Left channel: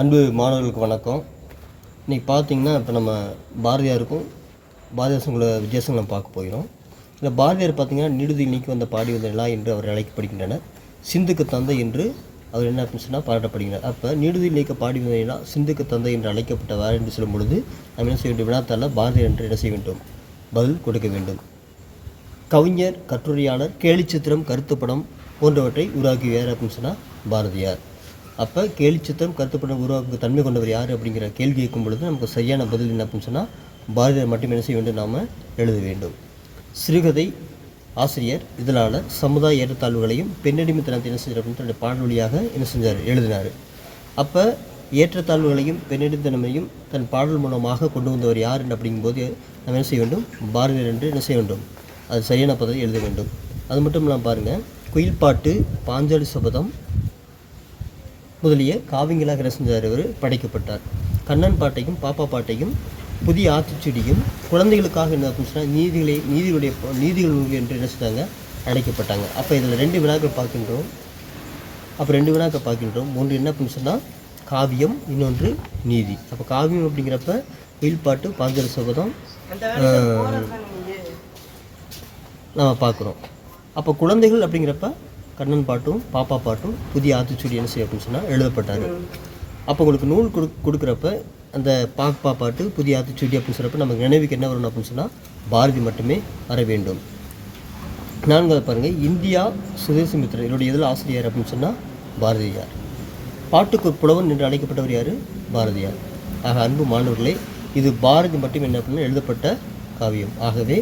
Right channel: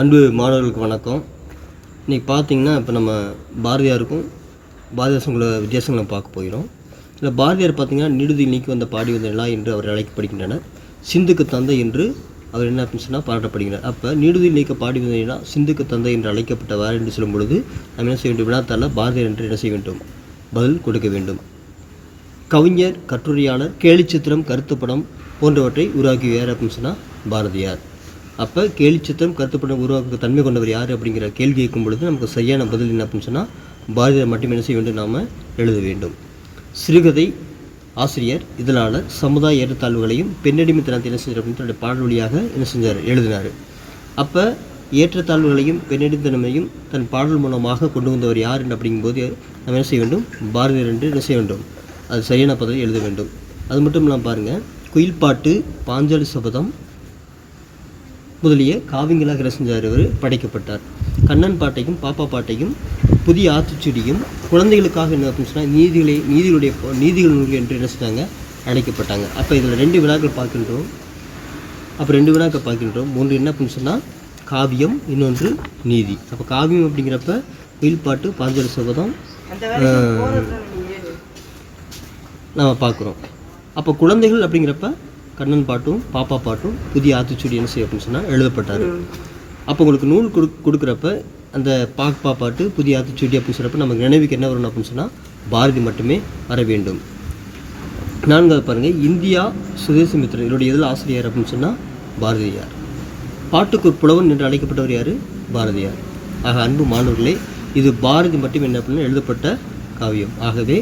அன்பு மாணவர்களுக்கு வணக்கம். இன்றைக்கி பார்த்தீங்கன்னா இப்போ நம்ம பாரதியாருக்கும் பாரதிதாசங்களோட வித்தியாசங்களை பார்க்க போகிறோம். இல்லை பாரதியார் பார்த்தீங்கன்னா நிடுதி நீக்கி வந்த பாடி வந்த என்று அவர் அழைக்கப்படுகின்றனர். சிந்துக்கு தந்தை என்று அவர் என்ன அப்படின்னு சொன்னால் பாராட்டப்படுகிறார் அப்போ நீடுதி நீக்க பாடி வந்த சிந்துக்கு தந்தை என்று அழைக்கப்பட்டவர் என்று சொல்லும் பொழுது நம்ம என்ன செய்ய வேண்டும்? வினாத்தால் பாரதியார் என்று என்ன செய்ய வேண்டும்? பதில் கொடுக்க வேண்டும். கவிஞர் கட்டுரையாளர் கேலிச்சித்திரம் கருத்துப்படம் போன்றவற்றை உருவாக்கியவர் அப்படின்னு சொன்னால் பாரதியார். அப்போ கேலிச்சித்திரம் கருத்துப்படம் உருவாக்க தன்மை கொண்டவர் யார் அப்படிங்கிற கேள்வி கேட்கும் பொழுது நமக்கு சரியான பதில் என்ன அப்படின்னு சொன்னால் பாரதியார் மட்டும் என்ன செய்ய வேண்டும்? நாம் எழுத வேண்டும். சிறுகதை ஆசிரியர் இதழாளர் சமுதாய ஏற்றத்தாழ்வுகளையும் பெண்ணடிமைத்தனத்தை என்ன செய்கிறார் அப்படின்னு தன்னுடைய பாடல் வழியாக என்ன செஞ்சார்? எழுதினார். அப்போ ஏற்றத்தாழ்வுகளையும் பெண்ணடித்தனமையும் தன் பாடல் மூலமாக கொண்டு வந்தவர் யார் என்று அப்படிங்கும்போது நம்ம என்ன செய்ய வேண்டும்? பாரதியார் என்று என்ன செய்ய வேண்டும்? அது சரியான பதவி எழுத வேண்டும். அது மட்டும் இல்லாமல் பாருங்கள் குயில் பாட்டு பாஞ்சாலி சபதம் முதலிய காவியங்களாக என்ன செஞ்சார் அவர் படைக்கப்பட்டார். கண்ணன் பாட்டையும் பாப்பா பாட்டையும் புதிய ஆத்திச்சூடியும் குழந்தைகளுக்காக என்ன அப்படின்னு சொன்னால் நீதிகளை நீதிகளுடைய நீதிகள் நூல்கள் என்று என்ன செஞ்சாங்க அழைக்கப்பட்டாங்க. அப்போ இதில் ரெண்டு விழாக்கள் பார்க்கின்றோம். அப்போ ரெண்டு வினாக்கள் பார்க்கின்றோம். ஒன்று என்ன அப்படின்னு சொன்னால் காவியம் இன்னொன்று நீதி. அப்போ காவியம் அப்படிங்கிறப்ப வீல்பாட்டு பாஞ்சாலி சபதம் நம்ம பார்க்குறோம். அப்போ குழந்தைகள் அப்படிங்கிறப்ப கண்ணன் பாட்டும் பாப்பா பாட்டும் புதிய ஆத்திச்சூடி என்ன செய்யும் அப்படின்னு சொன்னால் எழுதப்பட்டார். அப்போ உங்களுக்கு நூல் கொடு கொடுக்குறப்ப அந்த பாப்பா பாட்டு புதிய ஆத்திச்சூடி அப்படின்னு சொல்கிறப்ப நமக்கு நினைவுக்கு என்ன வரணும் அப்படின்னு சொன்னால் பாரதி மட்டுமே வர வேண்டும். நான்காவது பாருங்கள் இந்தியா சுதேசமித்திரன் இவருடைய இதில் ஆசிரியர் அப்படின்னு சொன்னால் பாரதியார். பாட்டுக்கு ஒரு புலவன் என்று அழைக்கப்பட்டவர் யார்? பாரதியார். ஆக அன்பு மாணவர்களே இது பாரதி மட்டும் என்ன அப்படின்னு எழுதப்பட்ட காவியம். ஆகவே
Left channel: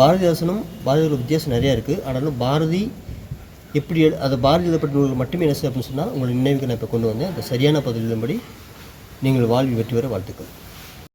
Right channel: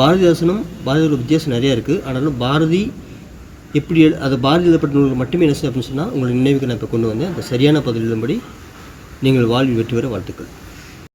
பாரதிதாசனும் பாரதியோட வித்தியாசம் நிறையா இருக்குது ஆனாலும் பாரதி எப்படி அதை அது பாரதி எழுதப்பட்ட நூல்கள் மட்டுமே என்ன செய்யும் அப்படின்னு சொன்னால் உங்களை நினைவுக்கு நான் இப்போ கொண்டு வந்தேன். அந்த சரியான பதில் எழுதும்படி நீங்கள் வாழ்வில் வெற்றி பெற வாழ்த்துக்கள்.